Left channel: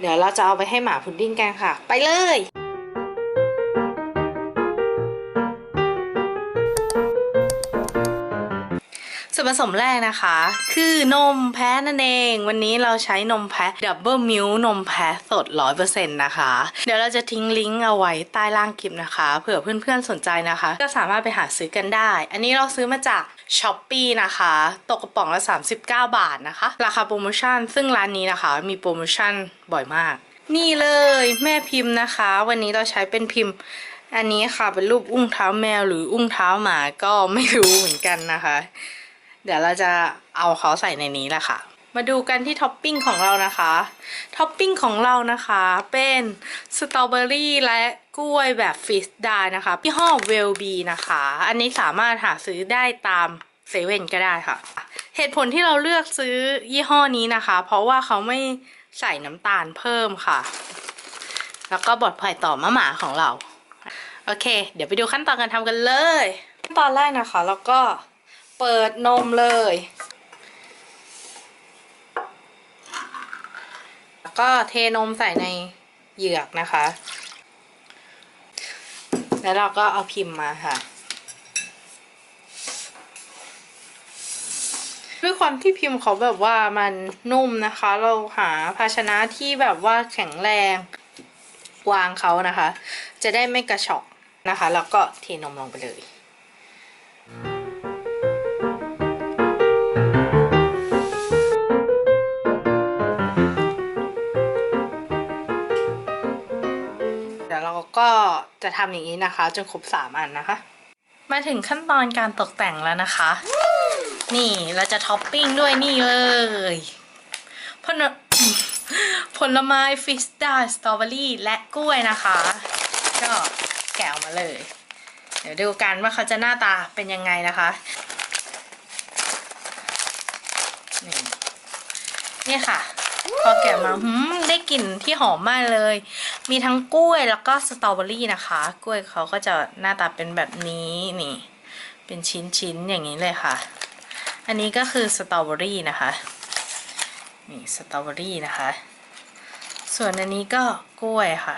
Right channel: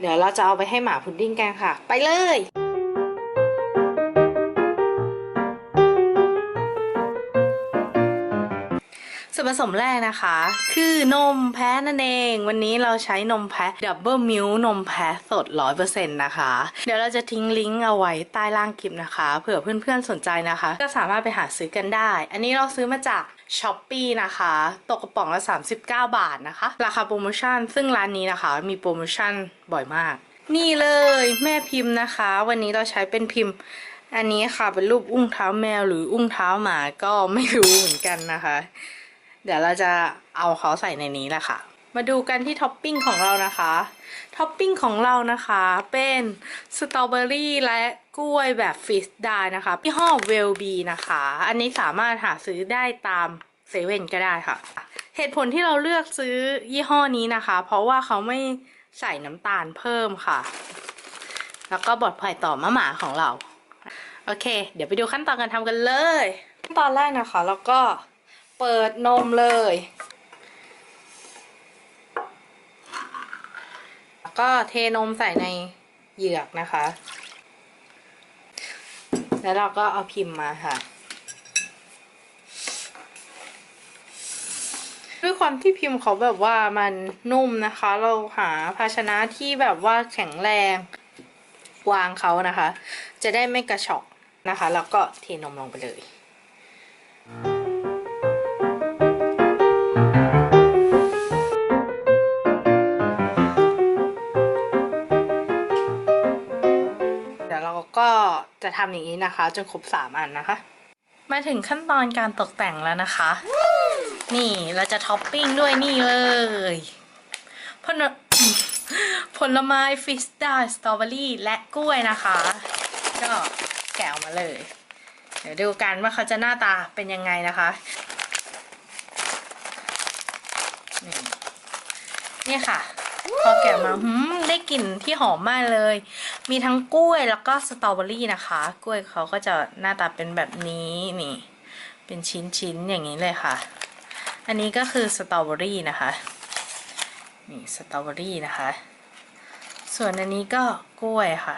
เดี๋ยวเราจะเอาไปให้หมาพุดดิ้งกันค่ะ ไปเลย ส่วนผสมแรกนะคะ คือนมแพะนั่นเอง วันนี้เราใช้นมแพะดับเบิลมิลนมแพะสด100%นต์นะคะ เดี๋ยวเราจะทิ้งลิงก์เอาไว้ใต้ล่างคลิปนะคะ เผื่อเพื่อนๆสนใจนะคะ ก็สามารถไปหาซื้อกันได้ อันนี้เราซื้อมาจาก s h อ p e e นะคะ ตกกระป๋องละ 39 บาทนะคะ ราคาโปรโมชั่น ซึ่งร้านนี้นะคะ มีโปรโมชั่นบ่อยมาก นี่เลยแม่พิมพ์นะคะ วันนี้เราใช้เป็นพิมพ์อันนี้ค่ะเป็นรูปอุ้งเท้าแมวหรืออุ้งเท้าหมาก็ไม่รู้เหมือนกันนะคะ เดี๋ยวเราจะเอาเขาใส่ในนี้แหละค่ะ มาดูกันที่ท็อปปิ้งของเรานะคะ ท็อปปิ้งของเรานะคะเป็นสตรอเบอรี่และกล้วยแบบฟิสได้นะคะพี่ห้อเวลบีนะคะ อันนี้สามารถหาซื้อได้ตามเซเว่นก็ได้ค่ะ เหตุผลที่เราเลือกซื้อยี่ห้อนี้นะคะ เพราะว่าเขาไม่ใส่น้ำตาลเพิ่มค่ะ แล้วก็ปลอดภัยต่อมะหมาของเรา โอเค เดี๋ยวไปดูขั้นตอนการทำกันเลย ขั้นตอนแรกนะคะ แล้วก็ เปิดนมเลย แล้วก็เทนมใส่ในเหยือกนะคะ แล้วเราก็เอาพิมพ์มาค่ะ ด้วยความที่พิมพ์เขาแบบว่ามันนุ่มนะคะ เราหาภาชนะที่แบบว่าแข็งแรงวางเขานะคะ จะได้ไม่กระชอกนะคะ แล้วก็เทนมลงไปเลย ก็จะทำอย่างนี้นะคะ จนครบสามอันนะคะ มาถึงขั้นตอนการตกแต่งแล้วนะคะ นี่เราจะท็อปปิ้งด้วยนี่เลยผลผลไม้ฟิสตาสตรอเบอรี่และกล้วยนะคะ ก็แกะออกมาเลย เดี๋ยวดูกันว่าเขาจะหน้าตาเป็นยังไงนะคะนี่นี่ค่ะ พอแกะมาหืมได้กลิ่นที่หอมมากเลย มีทั้งกล้วยแล้วก็สตรอเบอรี่นะคะ กล้วยเขาก็จะหน้าตาเป็นแบบนี้นี่ เป็นชิ้นๆอย่างนี้เลยค่ะ อันนี้ก็คือสตรอเบอรี่นะคะนี่สตรอเบอรี่นะคะ ส่วนอันนี้ก็กล้วยค่ะ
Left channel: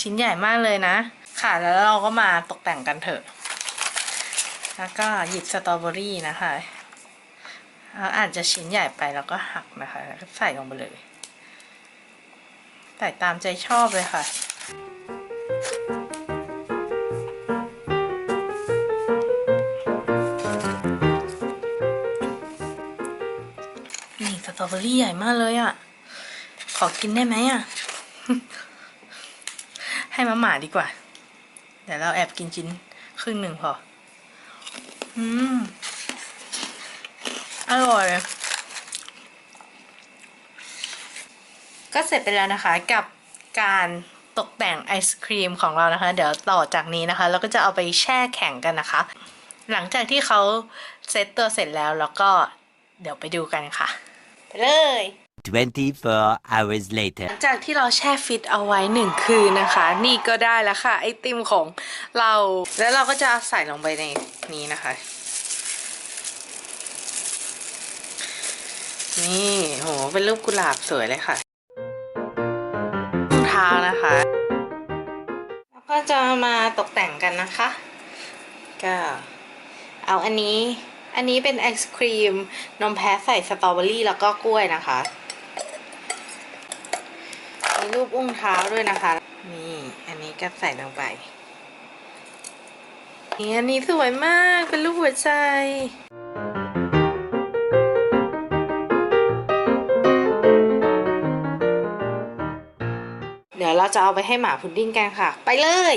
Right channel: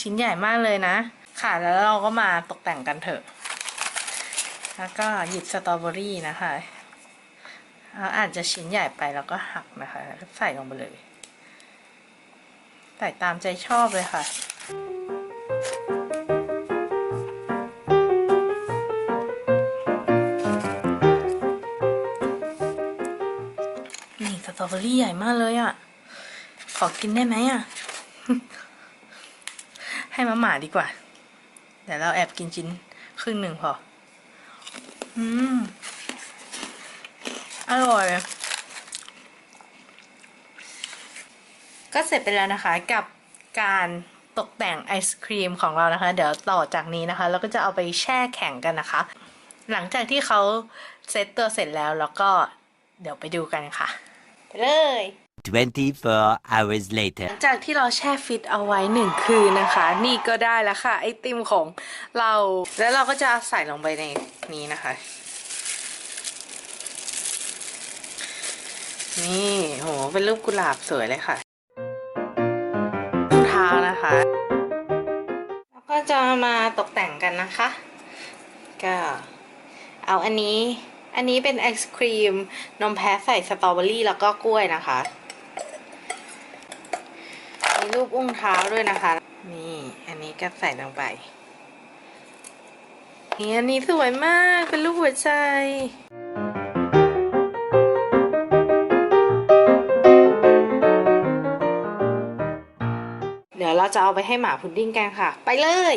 ชิ้นใหญ่มากเลยนะ ค่ะแล้วเราก็มาตกแต่งกันเถอะ แล้วก็หยิบสตรอเบอรี่นะคะ เอาอาจจะชิ้นใหญ่ไปแล้วก็หักนะคะก็ใส่ลงไปเลย ใส่ตามใจชอบเลยค่ะนี่สตรอเบอรี่ใหญ่มากเลยอะ่ะ ขอกินได้ไหมอะ่ะ ให้มาหมาดีกว่า เดี๋ยวเราแอบกินชิ้นครึ่งหนึ่งพอ อืม อร่อย ก็เสร็จไปแล้วนะคะกับการตกแต่งไอศครีมของเรานะคะ เดี๋ยวต่อจากนี้นะคะ เราก็จะเอาไปแช่แข็งกันนะคะ หลังจากที่เขาเซตตัวเสร็จแล้วแล้วก็เดี๋ยวไปดูกันค่ะ ไปเลย24 hours ห later. ลังจากที่เราแช่ฟิตเอาไว้หนึ่งคืนนะคะ นี่ก็ได้แล้วค่ะ ไอติมของเรา แล้วเราก็จะใส่ลงไปในนี้นะคะ นี่โหเป็นรูปกุหลาบสวยเลยค่ะรองเท้านะคะ แล้วก็จะมาตกแต่งกันนะคะ ก็เอาอันนี้ อันนี้เป็นไอศครีม นมแพ้ใส่สตรอเบอรี่แล้วก็กล้วยนะคะมีรูปอุ้งเท้าด้วยนะคะ นี่ อันนี้ก็ใส่ลงไปนี่อันนี้สวยมาก เป็นรูปหัวใจ เดี๋ยวเราจะเอาไปให้หมาพุดดิ้งกันค่ะ ไปเลย